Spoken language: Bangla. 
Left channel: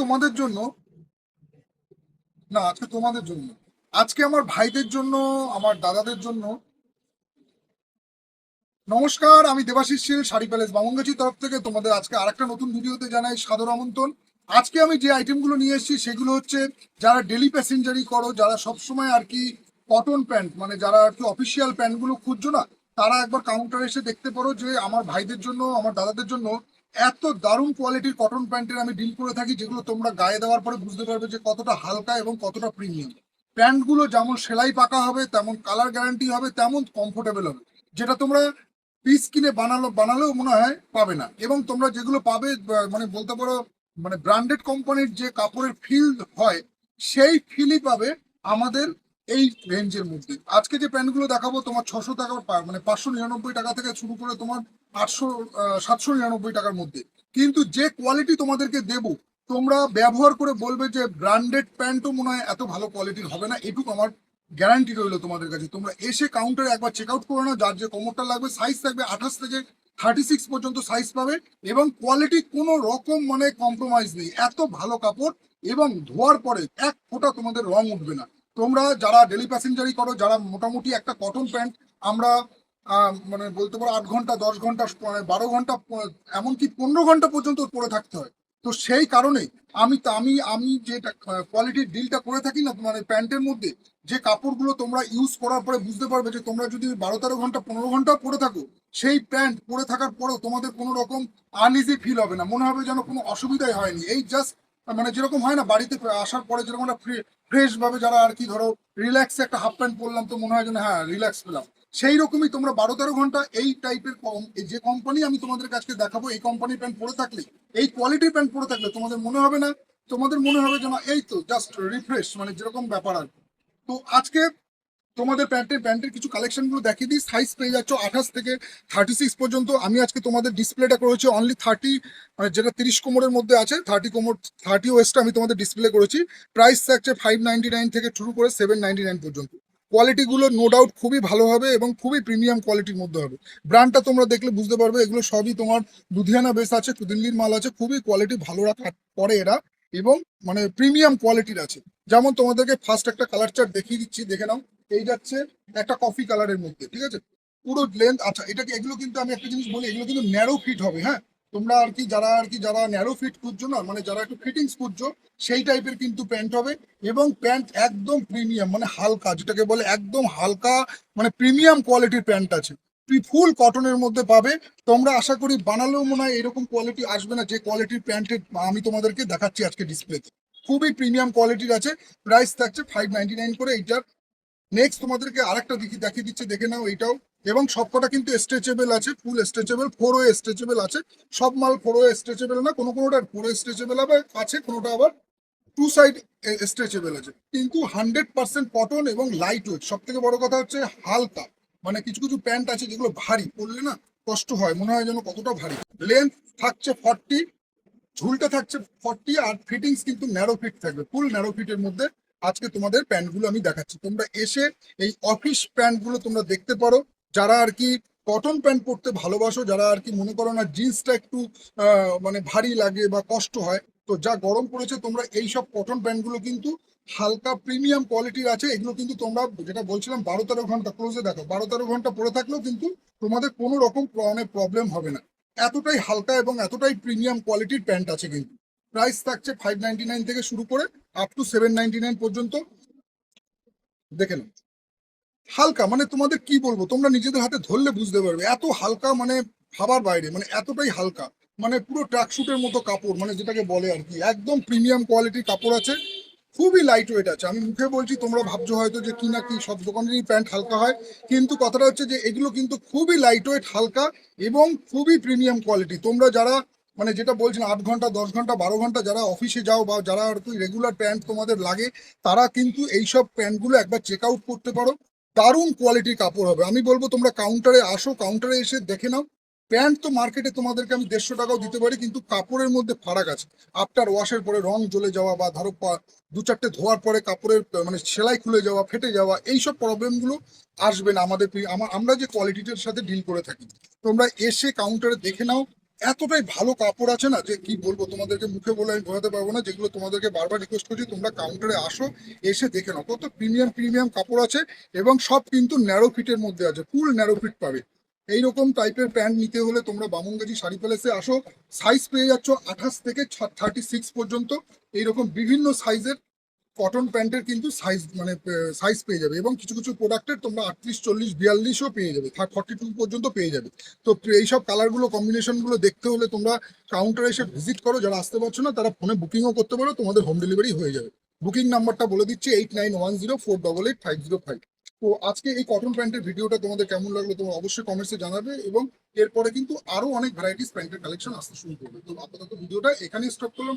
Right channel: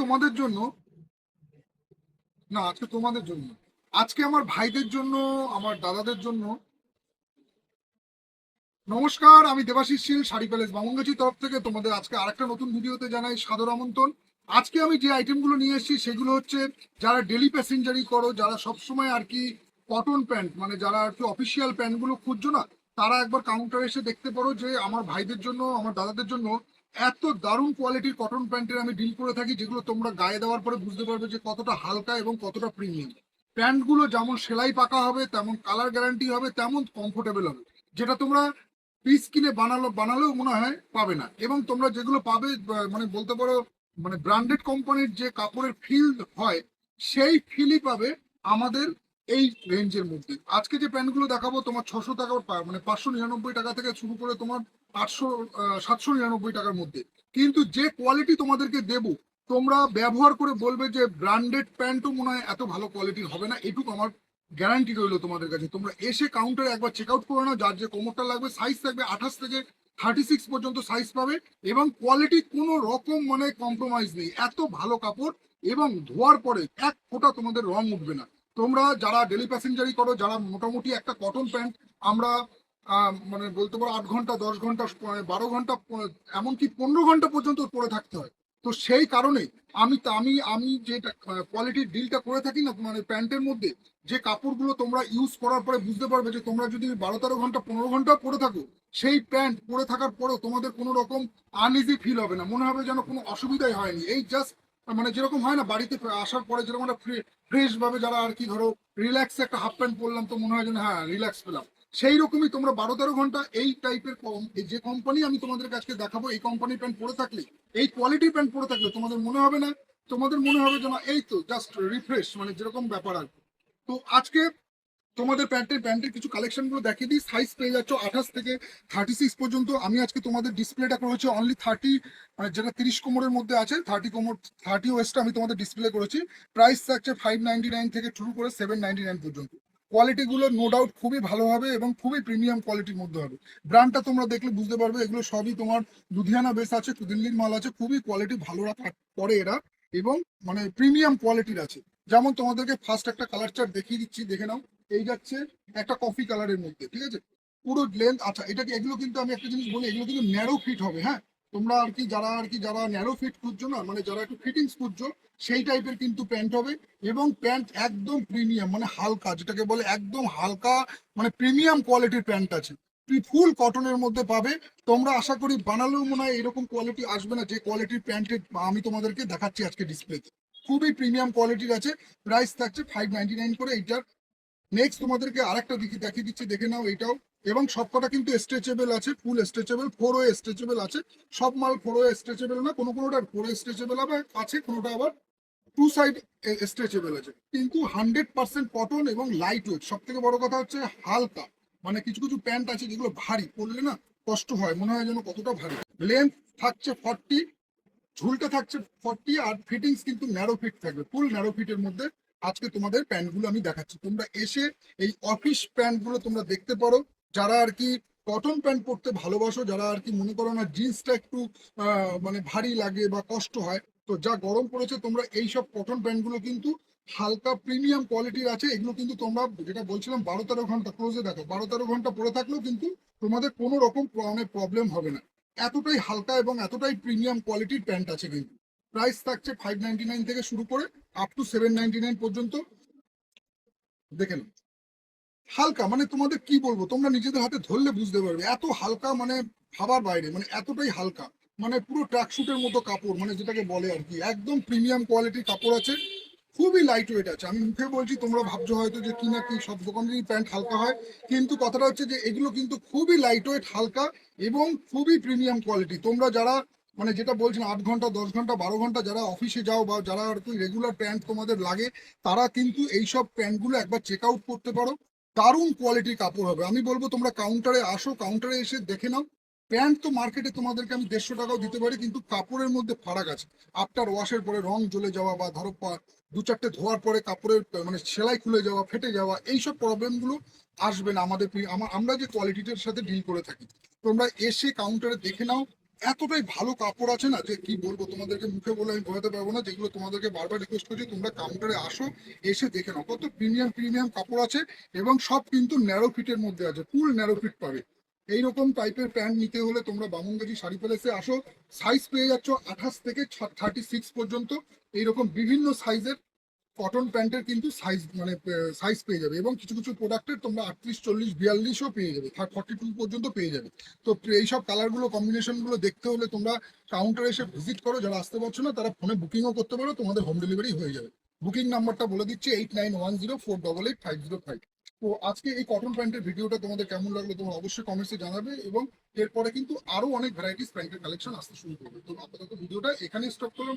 তোমাদের জন্য, না, আজকে তোমাদের জন্য। আজকে আমার ভাইদের জন্য, আমার দাদাদের জন্য। নমস্কার, আমি দেবাশিস শীল শাড়ি প্যালেস বামনগাছি তরফ থেকে তোমাদের আজকে আরেকটা নতুন ভিডিওতে জানাই সাদর আমন্ত্রণ। আজকে আমি যে আইটেমগুলো নিয়ে এসেছি, সেগুলো হচ্ছে যারা ডেলি প্যাসেঞ্জারি করো, যারা সবসময় আর কি কটন প্যান্ট মানে যারা আর কি অফিসিয়াল প্যান্টগুলো খুঁজছো না, তারা একবার কাউন্টারে এসে দেখতে পারো যে আমার ভাইদের জন্য, আমার দাদাদের জন্য এত দারুণ কোয়ালিটির কটন প্যান্টের আমি ডিল করে থাকি, যেগুলো তোমরা গায়ে দেওয়ার পরে বুঝতে পারবে যে কতটা হালকা এবং কতটা প্রিমিয়াম প্যান্টগুলো যেমন সেলাই পাকা হবে, তেমন কালার গ্যারান্টি হবে, তেমন কমফোর্টেবল হবে। যেটা তোমরা পিস কিনে বানালো, বানালেও মনে হয় পাবে না। এবং তোমরা যেগুলো পাবে মানে বলতে পারো মানে ব্র্যান্ডেড কোম্পানির যে কাপড়ের ফিল হয়, সেই ফিলই পাবে আমাদের এই রেঞ্জের মধ্যে। আজকে যে প্যান্টগুলো দেখাবো, তোমার ছশো টাকা মানে পাঁচশো নিরানব্বই টাকা থেকে শুরু করে তোমার আটশো সাতশো নিরানব্বই টাকার মধ্যে। কিন্তু যে কোয়ালিটি তোমাদেরকে দেবো, তোমরা ব্যবহার করে বলবে যে ব্র্যান্ডেড প্যান্টও মনে হয় এত ভালো কোয়ালিটির হবে না, এটুকু আমার গ্যারান্টি রইল তোমাদের কাছে। তোমরা এসে কাউন্টারে একবার চেক আউট করে নাও, যার যে কোমরটা লাগবে সাইজ থাকবে আঠাশ থেকে থার্টি সিক্স পর্যন্ত সাইজ পাবে এবং কোয়ালিটি কোনো রকম মানে কম্প্রোমাইজ নেই। এত ভালো কাপড় এবং ধোয়ার পরে এক ফোঁটা তোমাদের রং উঠবে না। তোমরা যারা ডেলি প্যাসেঞ্জারি করো, যারা মোটামুটি একটা কটন প্যান্ট আমরা মানে বলতে পারো আট ঘণ্টা, দশ ঘণ্টা বারো ঘণ্টা এমনকি পনেরো ঘণ্টা পর্যন্ত পরে থাকতে হয়। তো সেই কারণে আমি আমি আমি যেটা কোয়ালিটির ডিলটা করে থাকি না মানে প্যান্টের মধ্যে, যে কাপড়গুলো তোমরা ইউজ করার পরে বুঝতে পারবে যে তোমরা যদি বারো, তেরো ঘণ্টা, পনেরো ঘণ্টা পরে থাকো, সেই প্যান্ট পরে থাকার পরেও তোমাদের কোনো রকম আনইজি ফিল হবে না। মনে হবে যেন কোনো অসুবিধাই হয়নি। এই জাস্ট মানে যেরকম হয় না, বাড়িতে আসার পরে যেরকম একটা ফ্রেশ ভাবে যারা আর কি ধরো রিল্যাক্স একটা হাফ প্যান্ট পরলাম, তো মনে হয় যেন হ্যাঁ রিল্যাক্স পেলাম। সেই রকমই তোমরা বারো তেরো ঘণ্টা এই টাইপের কম যে কোম্পানি আমি তোমাদের কাছে দেখাবো, এই কোম্পানির প্যান্ট পরে থাকলে, এই কোয়ালিটির প্যান্ট পরে থাকলে তোমাদের মনে হবে না, তোমাদের মনে হবে যেন এই তো জাস্ট রিফ্রেশ মানে যেরকম ব্যাপার আর। তো আজকে তোমাদের প্যান্টের প্যান্টের কিছু কালেকশনগুলো দেখিয়ে দিই সাইজ পেয়ে যাচ্ছ আঠাশ থেকে থার্টি সিক্স পর্যন্ত। আমি আজকে তোমাদের ডিসপ্লেটা করেছি অনলি থার্টি মানে যেটা তিরিশ কোমরের মধ্যে আছে থার্টি কোমর থার্টি ওয়েস্টটা আমি তোমাদের ডিসপ্লে করেছি। প্রাইস থাকছে ফাইভ নাইনটি নাইন থেকে শুরু করে সেভেন নাইনটি নাইন পর্যন্ত। কোয়ালিটিগুলো নো ডাউট খুবই ভালো হবে এবং খুবই প্রিমিয়াম কোয়ালিটির মধ্যে হবে। ব্র্যান্ডটা তোমরা দেখলে বুঝতে পারবে, এগুলো সবই তোমার লুধিয়ানা বেস আছে দিল্লির মাল আছে, খুবই কোয়ালিটি ভালো রাখা করে এরা এবং মানে প্রিমিয়াম কোয়ালিটির আছে। যেমন তোমাদেরকে ফার্স্ট একটা কালার চার্ট দেখিয়ে দিচ্ছি, দেখে নাও, এই যাচ্ছে একটা কফি কালারের মধ্যে, ঠিক আছে? পুরো লেন্থ আচ্ছা এটাকে এগুলো কিন্তু আমি একটা জিনিস বলি, এগুলো কিন্তু ন্যারো ফিট হবে হ্যাঁ? তোমরা আর কি যারা আর কি যারা ন্যারো ফিট খুঁজছো না মানে যারা একটু ফিটিংস খুঁজছো, সেই টাইপের কিন্তু প্যান্ট হবে এবং প্যান্ট একদম প্রিমিয়াম মানে হালকা, যেটাকে বলে একদম হালকা মানে প্রিমিয়াম কোয়ালিটির প্যান্ট আছে। ফুল কটনের মধ্যে পাবে। তোমরা আশা করি বানালেও মনে হয় এরকম কোয়ালিটি আসবে না, যে কোয়ালিটির প্যান্টের আমি তোমাদেরকে দেখাচ্ছি আজকে ডিসপ্লেতে খুবই প্রিমিয়াম কোয়ালিটির আছে প্রাইস থাকছে ফাইভ নাইনটি নাইন করে, এইটার। নেক্সট তোমাদেরকে আরেকটা দেখি, দেখিয়ে দিচ্ছে, দেখে নাও এটাও এবং সবকটা কিন্তু স্ট্রেচেবল আছে full stretchable four way stretchable আছে। সব মাল ফোর ওয়ে স্ট্রেচেবল না, কোনো কোনোটা ফোর ওয়ে স্ট্রেচেবল আবার আছে, কোনোটা আবার টু সাইড স্ট্রেচেবল আছে। কিন্তু হান্ড্রেড পার্সেন্ট কটন এবং লাইট ওয়েট সব থেকে বড় কথা হচ্ছে হালকা মানে কিছু কিছু প্যান্ট আছে যেগুলো ভারী, পরলে না কষ্ট হয়, মনে হয় যেন কতটা ভারী। লেন্থ থাকছে ফর্টি ঝুলটা থাকছে ফর্টি আর ফিটিংস কিন্তু ন্যারো ফিট থাকবে ফুল ন্যারো ফিটের মধ্যে আজকে তোমাদের প্যান্টগুলো আমি দেখাচ্ছি। তোমরা এসে এই অফিস প্যান্টগুলো তোমরা দেখতে পারো যারা আর কি কটন প্যান্ট পরতে ভালোবাসো, যারা আর কি মনে করো না জিন্সটা একটু মানে ভারী লাগে বা কষ্ট হয়, তো যা গরম পড়েছে তোমরা এই সব কটন প্যান্টগুলো কিন্তু হালকা প্রিমিয়াম কোয়ালিটির আছে, এগুলো কিন্তু তোমরা যেটা বলছিলাম বারো তেরো ঘণ্টা ক্লোজে দেখো, বারো তেরো ঘণ্টা পরে থাকলেও কিন্তু তোমাদের কোনো রকম মানে প্রবলেম হবে না। এতটাই হালকা এবং এতটাই প্রিমিয়াম কোয়ালিটির প্যান্ট আছে কিন্তু। প্রাইস থাকছে ফাইভ নাইনটি নাইন থেকে শুরু করে up to seven ninety nine পর্যন্ত। দেখে নাও। হালকা মানে তোমাদের কি বলব? তোমরা নিজেদের হাতে ধরলে বুঝতে পারবে। এত হালকা মানে ভাবার বাইরে মানে এতটাই হালকা। মানে পুরো ট্র্যাকশুটের মতো কাপড় মানে যেটাকে বলে আর কি। একদম প্রিমিয়াম কোয়ালিটির কাপড় আছে। খুবই লাইট ওয়েট আছে। আমি মুখে বলছি, তোমরা ভাবছ হয়তো যে কি না কি সব দোকানেরই প্যান্ট হালকা হয়। কিন্তু কথাটা হচ্ছে যে, এগুলো কিন্তু খুবই লাইট ওয়েট হালকা এবং খুবই প্রিমিয়াম কোয়ালিটি তোমরা যারা মানে যেটা বলছেন, আট ঘণ্টা, দশ ঘণ্টা, বারো ঘণ্টা যারা অফিসে যাও বা যারা আর কি রেগুলার প্যান্ট তোমাদের লাগে, তারা কিন্তু এইসব প্যান্টগুলো একবার চেক আউট করতে পারো। দারুণ কোয়ালিটির কাপড় হবে। আমি বলব তোমরা কাউন্টারে আসো কাউন্টারে এসে দেখে নাও। প্যান্ট তো মার্কেটে তোমাদেরকে আমি দেড়শো টাকাও দিতে পারি, কিন্তু কাপড়ের মধ্যে ফারাক আছে। আফটার ওয়াশের পরে রং জ্বলে যাওয়া বা ধরো দু চারটে ধোয়ার পরে কাপড়ের মানে সেলাই খুলে যাওয়া, ফেটে যাওয়া, এইসব প্রবলেমগুলো আসবে না আমাদের আমরা যে কোয়ালিটিটার সাথে ডিল করে থাকি। তোমরা এসে কাউন্টারে দেখে নাও এতটাই ভালো কাপড় আছে না যে কি বলব তোমাদেরকে মুখে বলে আমি বোঝাতে পারব না, যেগুলো তোমাদেরকে বারবার রিকোয়েস্ট করছি, তোমরা কাউন্টারে আসো, এসে দেখে নাও। কত প্রিমিয়াম প্রিমিয়াম কাপড় আছে এবং সব কিন্তু ন্যারো ফিটের মধ্যে আছে ফুল ন্যারো ফিট পাবে। এইরকম টাইপের প্যান্ট নিতে হলে তোমরা বামনগাজি শাড়ি প্যালেসে আসো সাইজ পেয়ে যাচ্ছ আঠাশ থেকে থার্টি সিক্স পর্যন্ত। এইরকম বিভিন্ন সাইজের কটন প্যান্টের কিন্তু সাইজ মানে সাইজ পেয়ে যাবে এবং কিছু কিছু প্রোডাক্টের তোমরা আটত্রিশ, চল্লিশ, বিয়াল্লিশও পেয়ে যাবে থার্ড ফর্টি টু পর্যন্ত পেয়ে যাবে। তো এইসব কালারগুলো কম্বিনেশনগুলো দেখতে হলে তোমরা কাউন্টারে এসে ভিজিট করো, যারা আসতে পারছ না, তারা ফোনে বুকিংও করতে পারো, তোমাদের হোম ডেলিভারি হয়ে যাবে। বুকিং নাম্বারটা বলে দিচ্ছি eight nine one zero four double eight five zero five তো আজকে এই কটন প্যান্টের ভিডিওটা তোমাদের কেমন লাগল, তোমরা অবশ্যই কমেন্টসে জানাবে এবং এরপরে কিন্তু আরও অনেক ভ্যারাইটিস প্যান্টের কালেকশন আসতে শুরু করবে। তো আপাতত ভিডিওটা এখানেই স্টপ করলাম।